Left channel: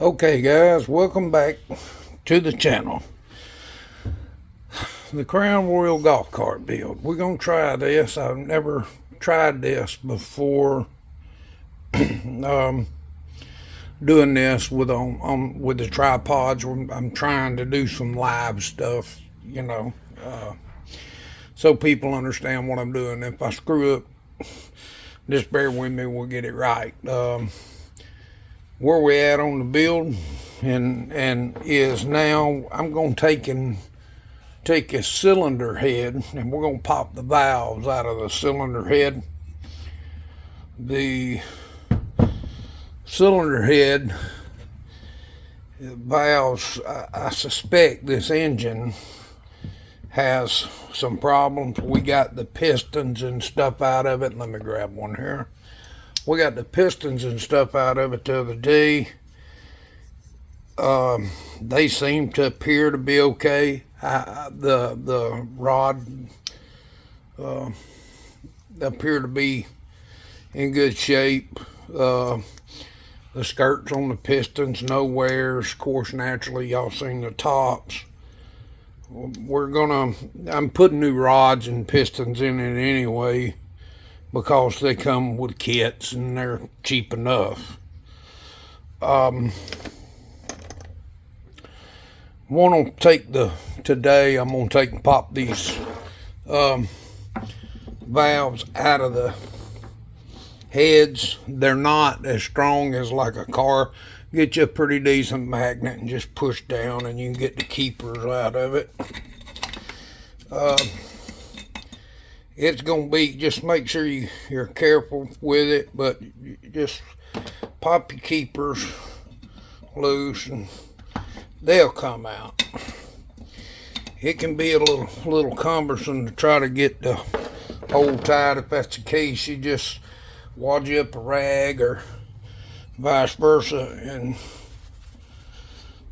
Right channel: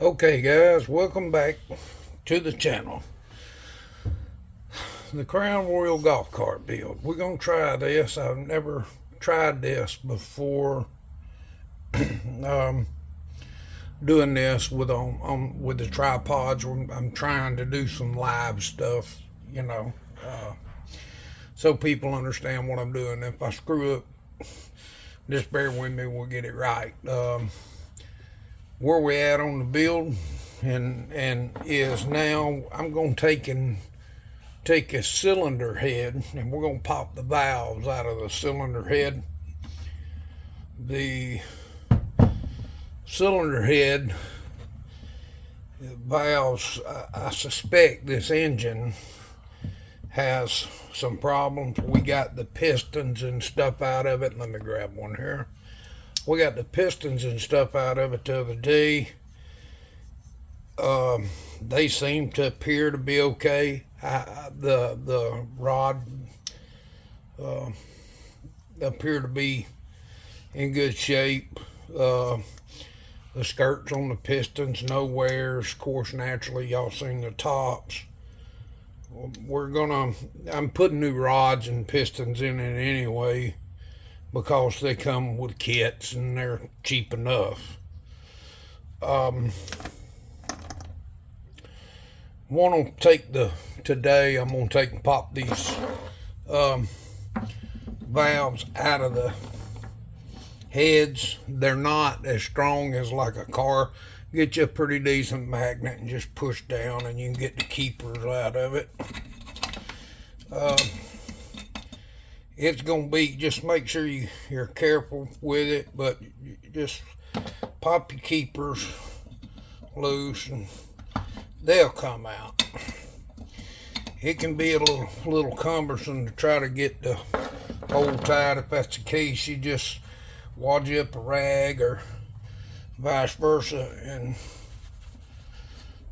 Okay guys, welcome back to the channel. The Crown Royal golf cart build. We're going to try this. I've never tried this before. um, Doing this with with the tripods. I'm trying to do some live stuff, so people understand what I'm doing. If I screw up, just bear with me, we'll get it right. Where we at on the build and is now I'm going to take a cylinder head and we're going to pop the valves out of the cylinder head. The cylinder head valves, I suspect this engine has some problems. We got the pistons and stuff out of it. Let me grab one here. We got the pistons and stuff out of it the other day. They seem to appear to be okay. The rod appear to be in good shape. The skirts on the pistons, no wears. Of course, naturally, y'all seen the tops. I'm putting new rods and pistons in it anyway, because they come with kits and they're cheap enough. Today I'm gonna take and pop these valves out of the heads. They're not as strong as like a car. Get you a pretty decent magnet and just push down and you can get the keepers out of it. It's gonna be, just make sure you're careful with it, but just pop your keepers loose and they'll come out. It can be a little cumbersome to try to get the hole tied. If that's the case, you just wad you up a rag or vice versa and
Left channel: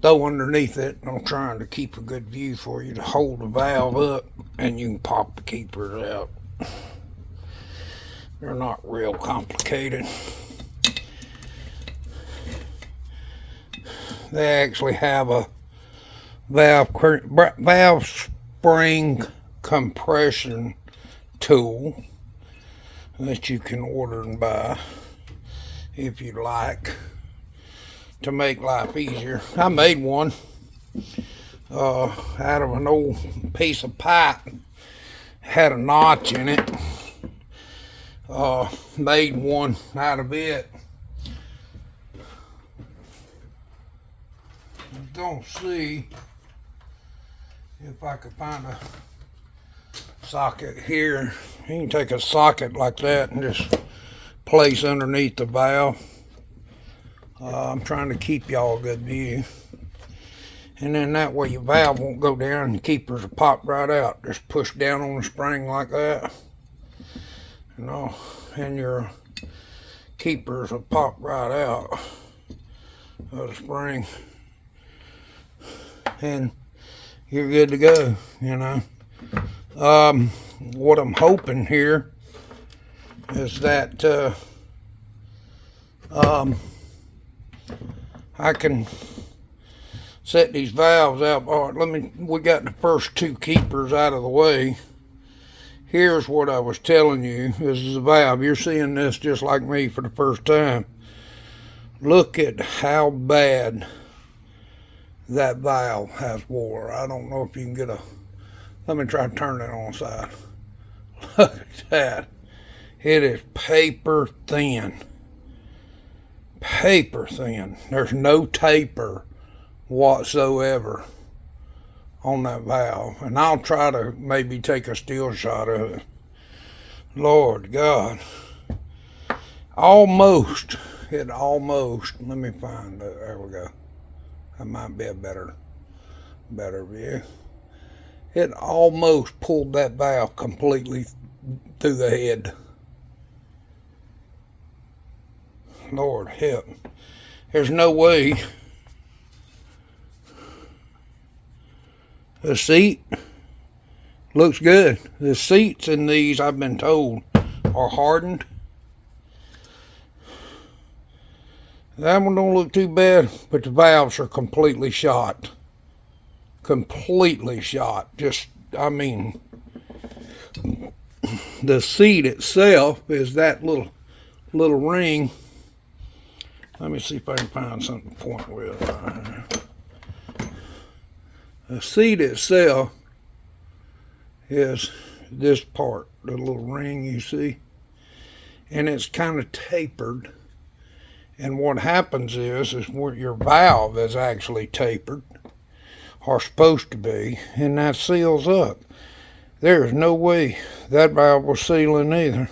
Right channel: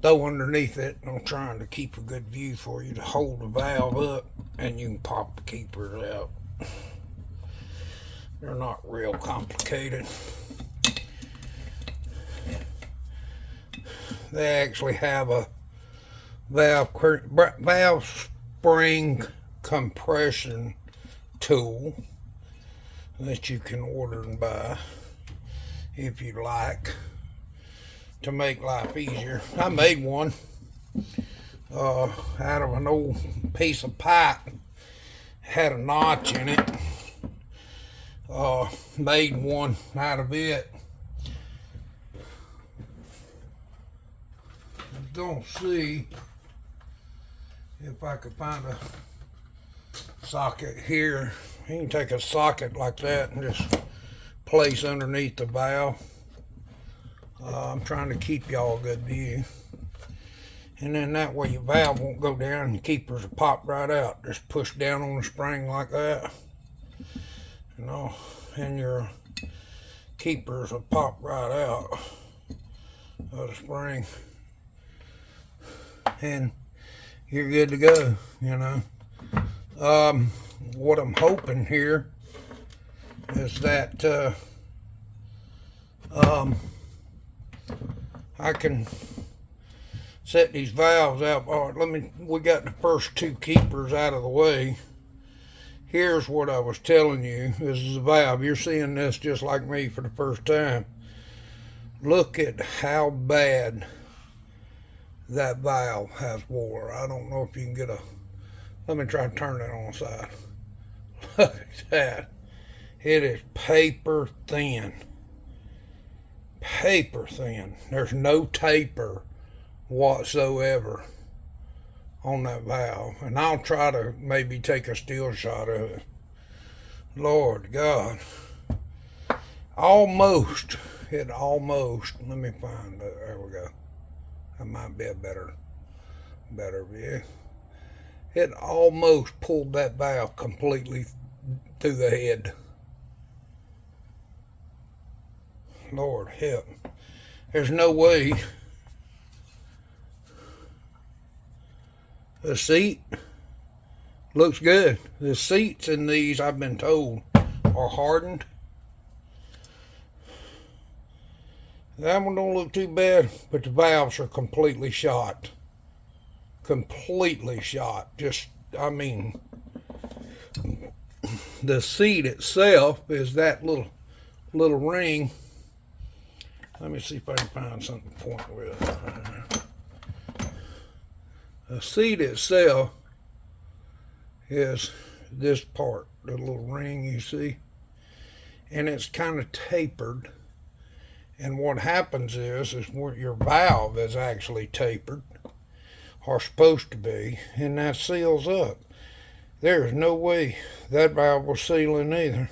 throw underneath it. I'm trying to keep a good view for you to hold the valve up, and you can pop the keepers out. They're not real complicated. They actually have a valve spring compression tool that you can order and buy if you'd like, to make life easier. I made one out of an old piece of pipe, had a notch in it. Made one out of it. I'm gonna see if I could find a socket here. You can take a socket like that and just place underneath the valve. I'm trying to keep y'all a good view. And then that way your valve won't go down and the keepers will pop right out. Just push down on the spring like that. And your keepers will pop right out of the spring. And you're good to go, What I'm hoping here is that I can set these valves out. All right, we got the first two keepers out of the way. Here's what I was telling you. This is a valve. You're seeing this just like me for the first time. Look at how bad that valve has wore. I don't know if you can get let me try to turn it on the side. Look at that. It is paper thin. Paper thin. There's no taper whatsoever on that valve. And I'll try to maybe take a still shot of it. Lord God. Almost. Let me find it. There we go. That might be a better view. It almost pulled that valve completely through the head. Lord help. There's no way. The seat looks good. The seats in these, I've been told, are hardened. That one don't look too bad, but the valves are completely shot. Completely shot. Just, I mean, the seat itself is that little ring. Let me see if I can find something to point with. The seat itself is this part, the little ring you see, and it's kind of tapered. And what happens is where your valve is actually tapered, or supposed to be, and that seals up. There is no way that valve was sealing either.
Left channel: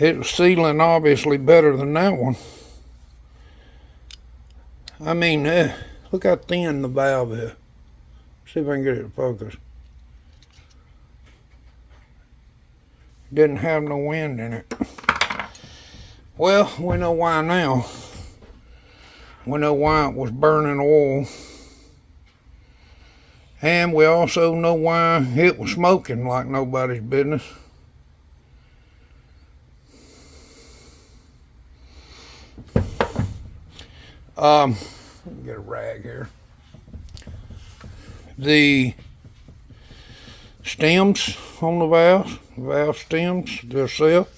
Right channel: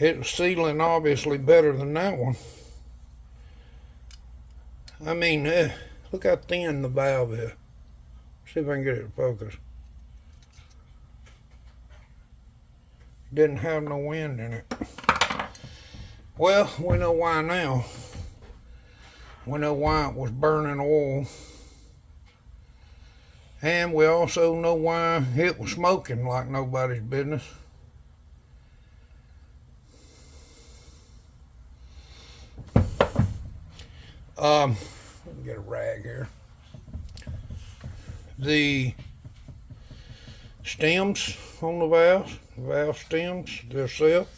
It was sealing obviously better than that one. I mean, look how thin the valve is. See if I can get it to focus. Didn't have no wind in it. Well, we know why now. We know why it was burning oil. And we also know why it was smoking like nobody's business. Let me get a rag here. The stems on the valve stems themselves,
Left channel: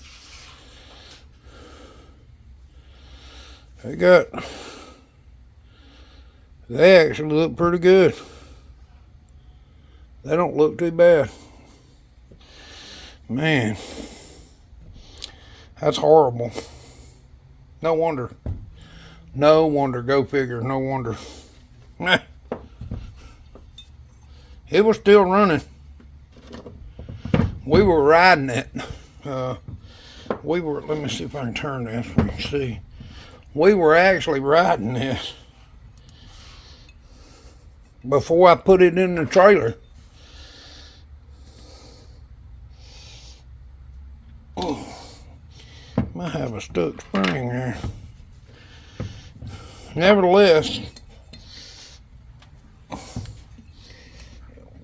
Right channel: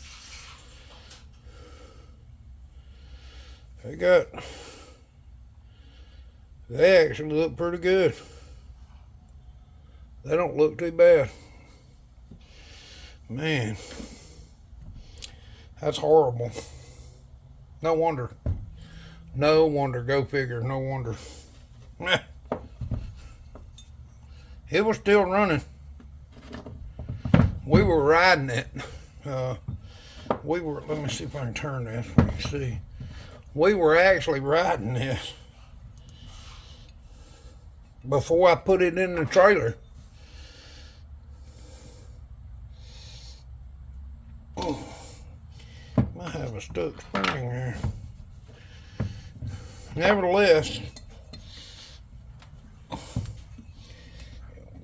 they actually look pretty good. They don't look too bad. Man, that's horrible. No wonder. No wonder, go figure, no wonder. It was still running. We were riding it. Let me see if I can turn this so you can see. We were actually riding this before I put it in the trailer. Oh, might have a stuck spring there. Nevertheless,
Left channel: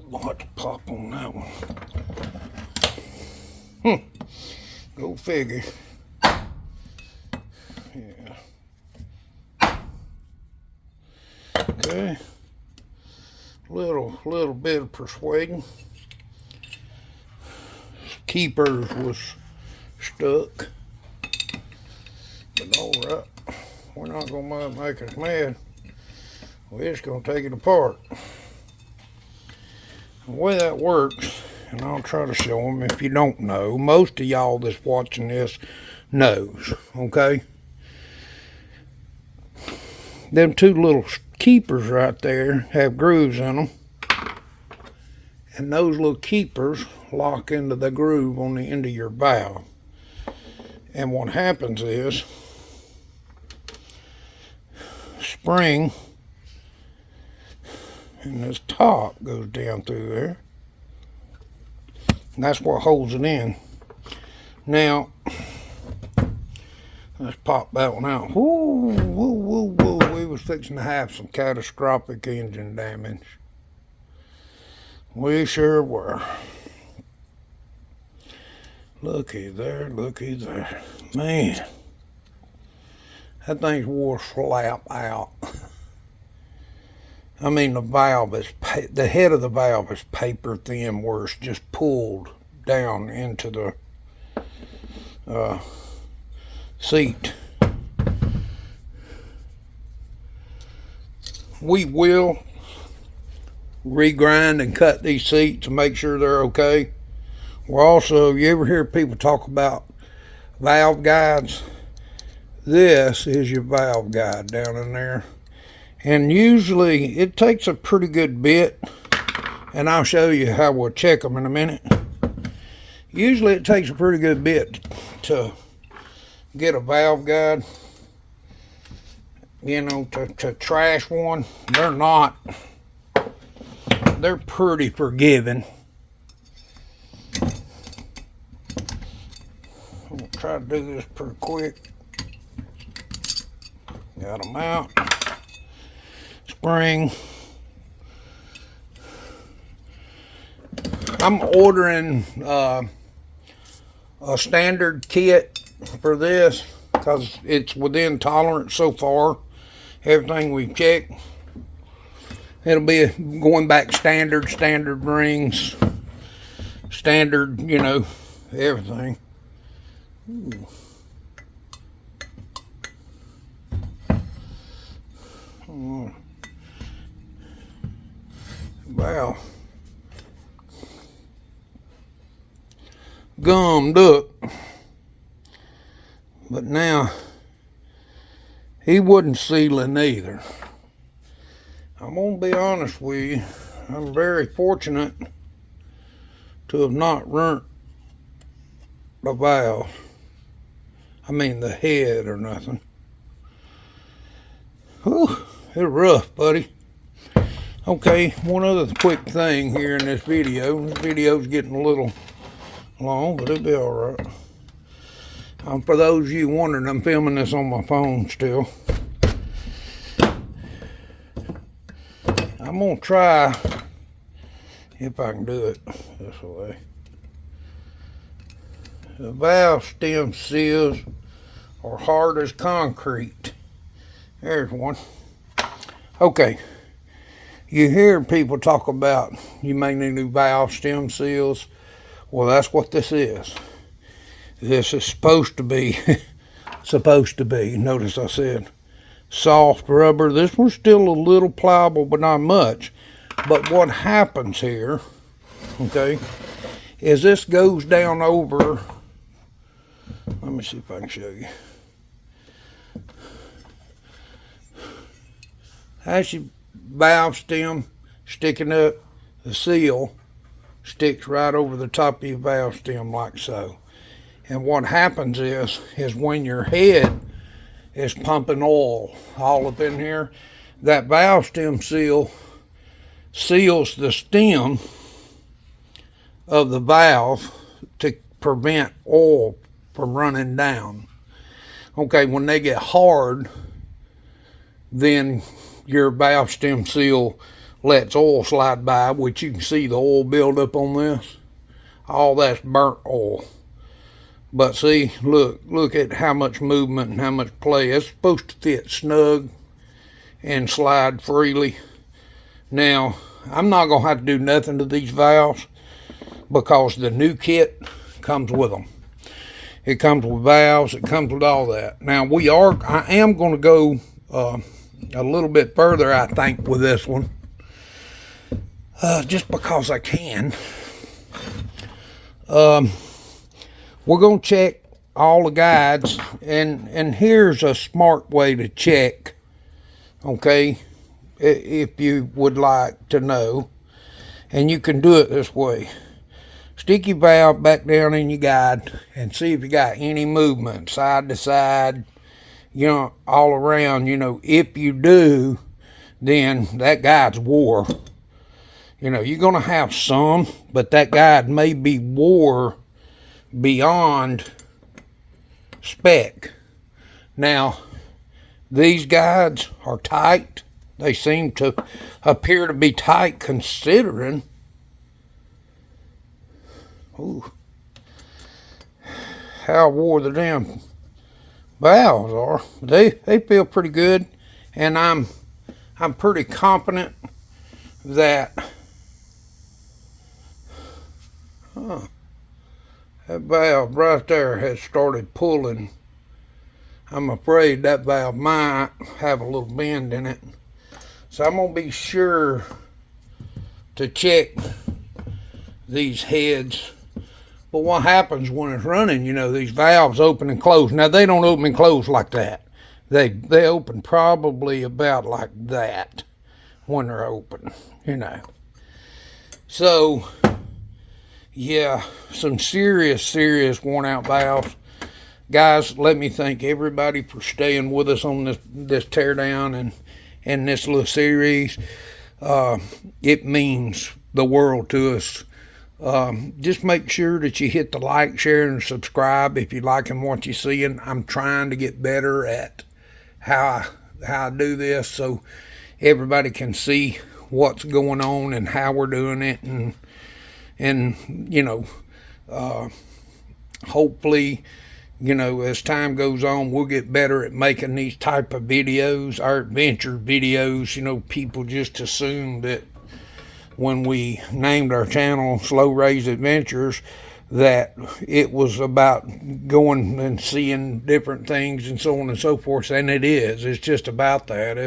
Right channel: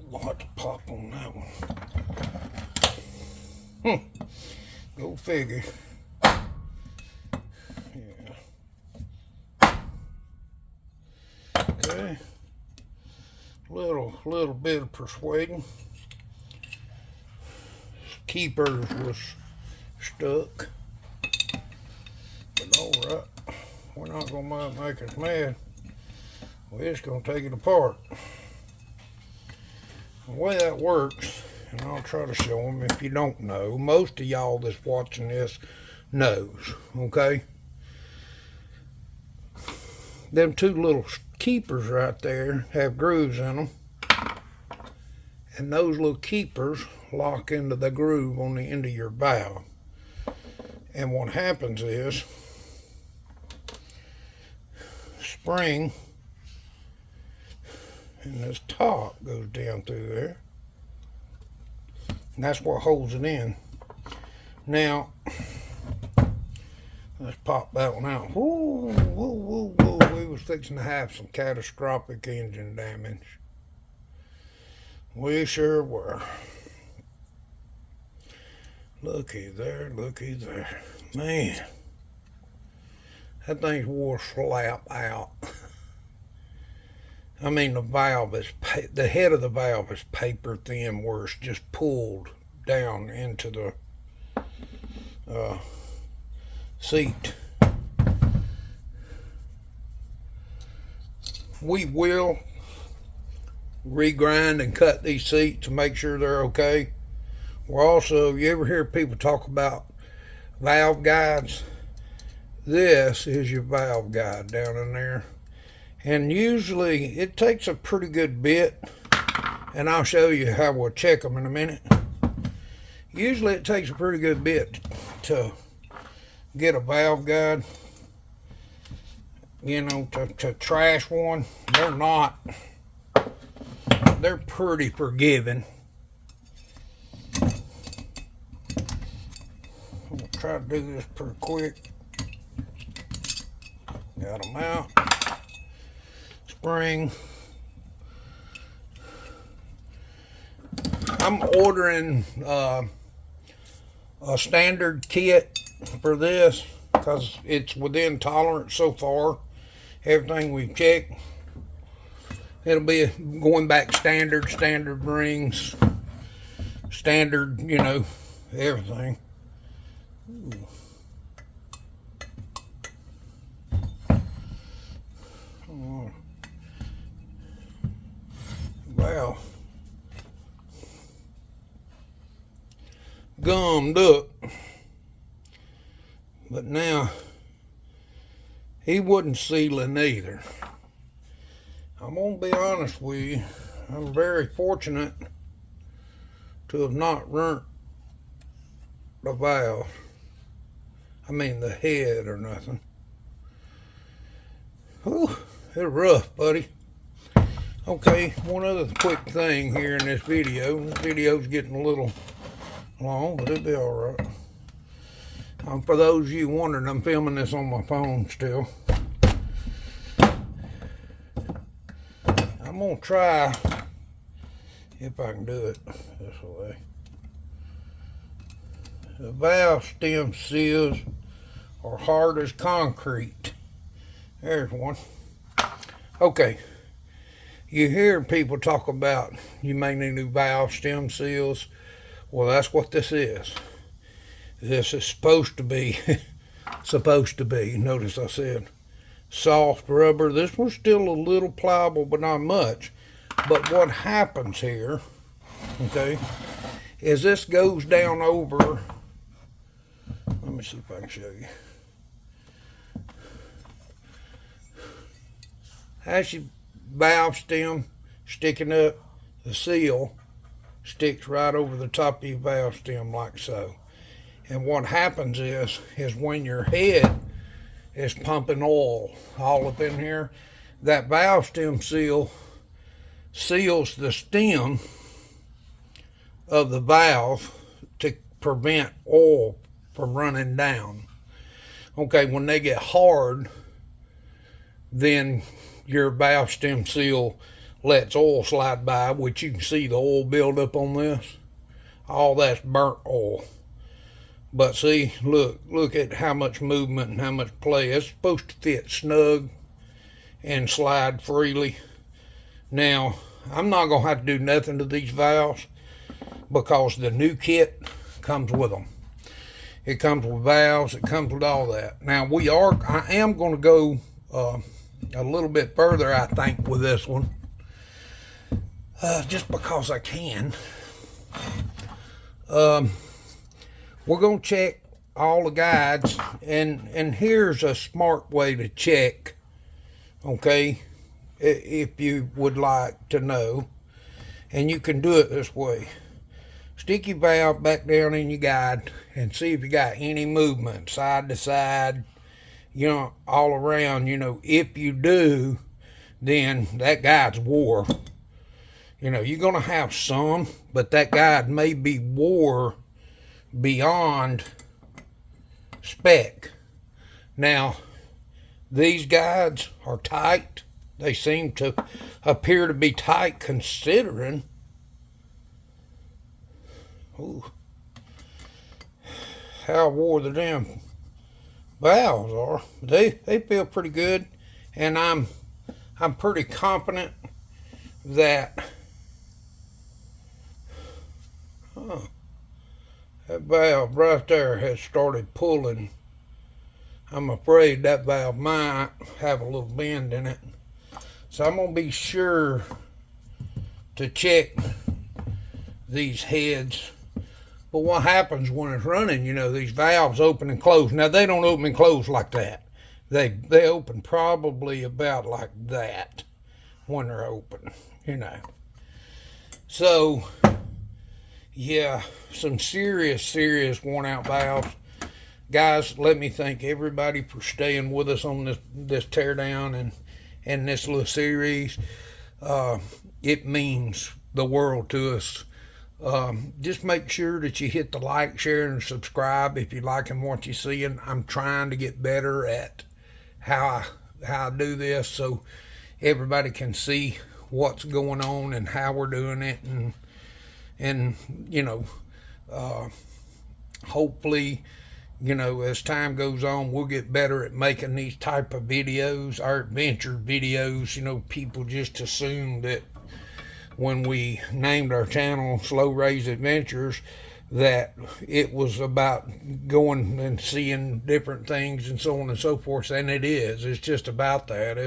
we'll have to pop on that one. Go figure. Yeah. Okay. Little bit of persuading. Keepers was stuck. But alright. We're not going to make us mad. We're just going to take it apart. The way that works, and I'll try to show them if you don't know, most of y'all that's watching this knows, okay? Them two little keepers right there have grooves in them. And those little keepers lock into the groove on the end of your valve. And what happens is, spring and this top goes down through there, and that's what holds it in. Now let's pop that one out. Whoa, whoa, whoa, whoa. We was fixing to have some catastrophic engine damage. We sure were. Looky there, looky there. Man, that thing's wore slap out. I mean, the valve is, the head of the valve is paper thin where it's just pulled down into the seat. We will regrind and cut these seats to make sure they're okay. We're also, you ever hear people talk about valve guides? This is your valve guide down in there. And usually it takes a pretty good bit, and I'll show you how we'll check them in a minute. Usually it takes a pretty good bit to get a valve guide, you know, to trash one. They're not. They're pretty forgiving. I'm gonna try to do this pretty quick. Got them out. Spring. I'm ordering a standard kit for this. because it's within tolerance so far. Everything we've checked, it'll be going back standard rings, standard, you know, everything. Ooh. Wow. Gummed up. But now, he wasn't sealing either. I'm going to be honest with you. I'm very fortunate to have not ruined the valve. I mean the head or nothing. Whew, it's rough, buddy. Okay, one other quick thing here in this video. This video's getting a little long, but it'll be alright. For those of you wondering, I'm filming this on my phone still. I'm going to try, if I can do it this way. The valve stem seals are hard as concrete. There's one. Okay. You hear people talk about you may need new valve stem seals. Well, that's what this is. This is supposed to be, notice I said soft rubber. This one's still a little pliable, but not much. But what happens here, okay, is this goes down over, let me see if I can show you. That's your valve stem sticking up, the seal sticks right over the top of your valve stem like so. And what happens is when your head is pumping oil all up in here, that valve stem seal seals the stem of the valve to prevent oil from running down. Okay, when they get hard, then your valve stem seal lets oil slide by, which you can see the oil build up on this. All that's burnt oil. But see, look at how much movement and how much play. It's supposed to fit snug and slide freely. Now, I'm not going to have to do nothing to these valves because the new kit comes with them. It comes with valves, it comes with all that. Now, I am going to go a little bit further, I think, with this one. Just because I can. We're going to check all the guides, and here's a smart way to check, okay, if you would like to know, and you can do it this way. Stick your valve back down in your guide and see if you got any movement, side to side, you know, all around. You know, if you do, then that guide's wore. You know, you're going to have some, but that guide may be wore beyond spec. Now, these guides are tight. They seem to appear to be tight considering. Ooh, how wore the damn valves are. They feel pretty good, and I'm pretty confident that that valve right there has started pulling. I'm afraid that valve might have a little bend in it. So I'm going to be sure to check these heads. But what happens when it's running, you know, these valves open and close. Now, they don't open and close like that. They open probably about like that when they're open, you know. So, yeah, some serious worn out valves. Guys, let me thank everybody for staying with us on this teardown and this little series. It means the world to us. Just make sure that you hit the like, share, and subscribe if you're liking what you're seeing. I'm trying to get better at how I do this so everybody can see what's going on and how we're doing it, and you know, hopefully you know, as time goes on, we'll get better at making these type of videos, our adventure videos. You know, people just assume that when we named our channel Slow Raised Adventures, that it was about going and seeing different things and so on and so forth, and it is. It's just about that.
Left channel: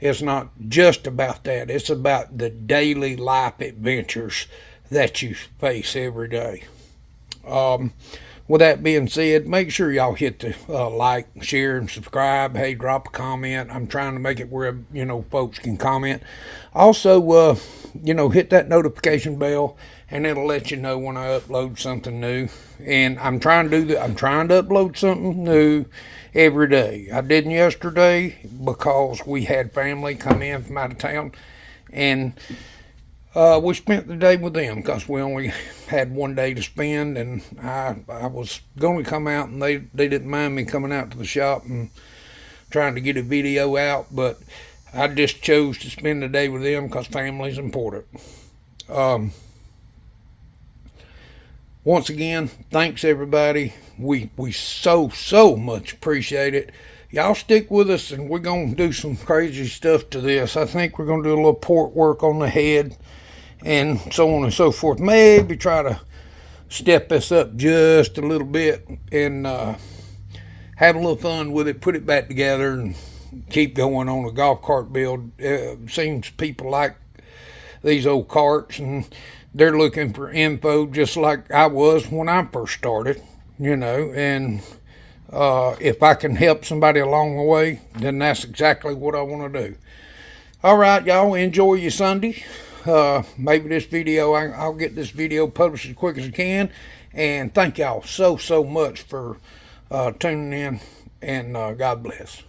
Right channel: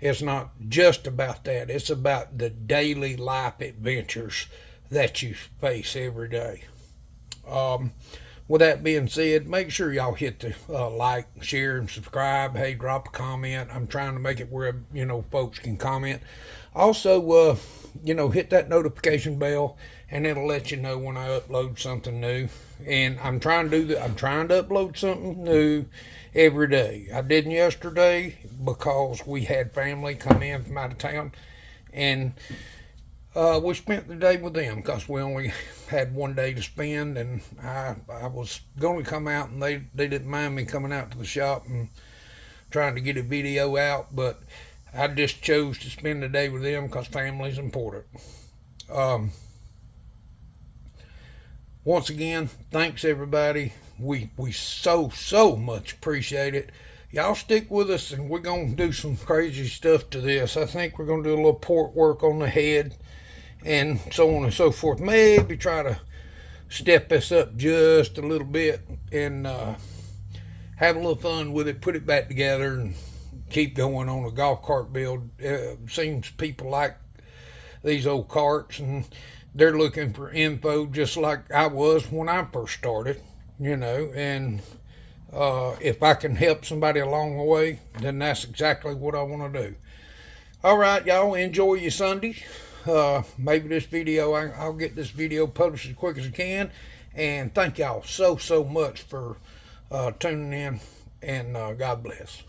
It's not just about that. It's about the daily life adventures that you face every day. With that being said, make sure y'all hit the like, share, and subscribe. Hey, drop a comment. I'm trying to make it where, you know, folks can comment. Also, you know, hit that notification bell, and it'll let you know when I upload something new. And I'm trying to upload something new every day. I didn't yesterday because we had family come in from out of town, and we spent the day with them because we only had one day to spend, and I was going to come out, and they didn't mind me coming out to the shop and trying to get a video out, but I just chose to spend the day with them because family's important. Once again, thanks everybody. We so much appreciate it. Y'all stick with us, and we're going to do some crazy stuff to this. I think we're going to do a little port work on the head and so on and so forth. Maybe try to step this up just a little bit and have a little fun with it, put it back together, and keep going on a golf cart build. Seems people like these old carts, and they're looking for info just like I was when I first started, you know, and if I can help somebody along the way, then that's exactly what I want to do. All right, y'all, enjoy your Sunday. Maybe this video, I'll get this video published as quick as I can, and thank y'all so much for tuning in, and God bless.